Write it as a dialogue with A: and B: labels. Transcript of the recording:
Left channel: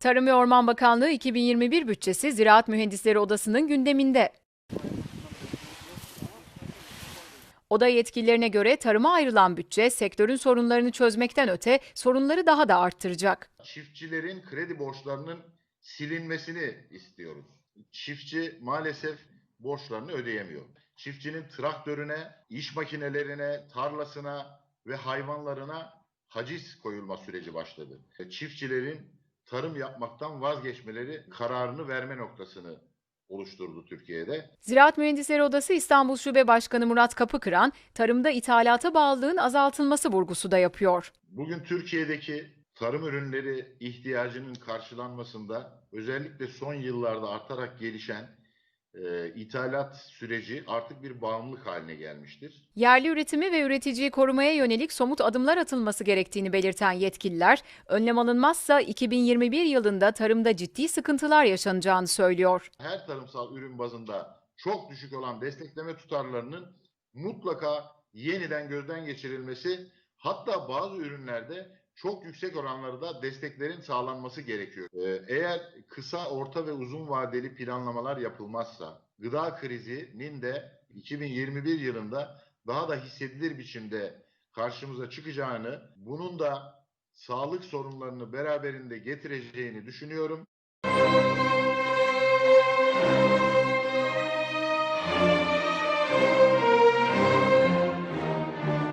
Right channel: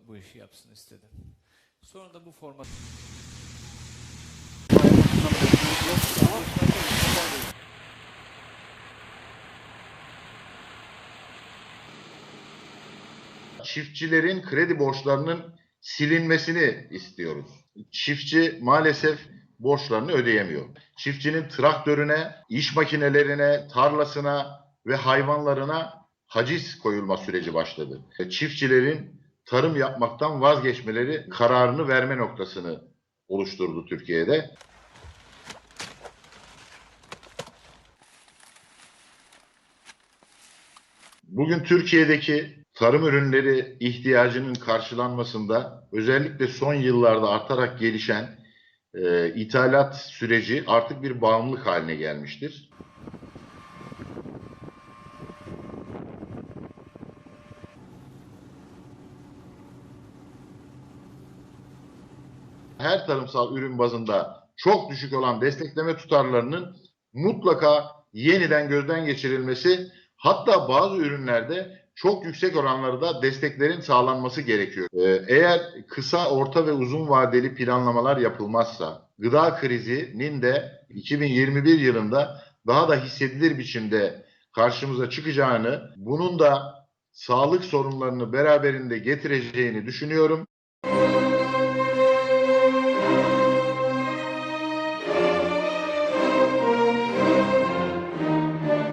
A: Tarım ve Orman Bakanlığı 2021 bütçesi Ziraat Mühendisleri Odası'nın gündeminde. Oda yetkililerine göre tarıma ayrılan bütçe sektörün sorunlarını çözmekten öte sorunları daha da arttıracak.
B: çiftçilerin kredi borçlarının silinmesini istiyoruz. Çiftçi maalesef borçlarını ödeyemiyor. Çiftçinin traktörüne, iş makinelerine, tarlasına ve hayvanlarına haciz koyulma süreci başladı. Çiftçilerin tarım yapmaktan vazgeçmeleri kararını verme noktasını oluşturdu Türkiye'de.
A: Ziraat Mühendisleri Odası İstanbul Şube Başkanı Murat Kapıkıran, tarımda ithalata bağlılığın azaltılması vurgusu da yapıyor.
B: Bugün Türkiye'deki tarım ürünleri ihtiyacının karşılanmasında özellikle son yıllarda artarak gelişen e, ithalat süreci artık bir bağımlılık haline gelmiştir.
A: Yerli üretimi ve üreticiyi korumaya yönelik somut adımlar atılması gerektiğini belirten yetkililer, önlem alınmazsa 2021 yılında tarımda ciddi sıkıntılar yaşanacağını söylüyor.
B: Her tarımsal ürün bazında çok düşük olan destekleme tutarlarının mutlaka yeniden gözden geçirilmesi hatta bazı ürünlerde çok yüksek oranlarda desteklerin sağlanması gerekiyor. Ee, Eğer kısa, orta ve uzun vadeli planlamalar yapılmazsa gıda krizinin de 2021 yılında daha da hissedilir biçimde karşımıza çıkacağını, bunun da sağlık sorunlarını beraberinde getireceğini düşünüyorum.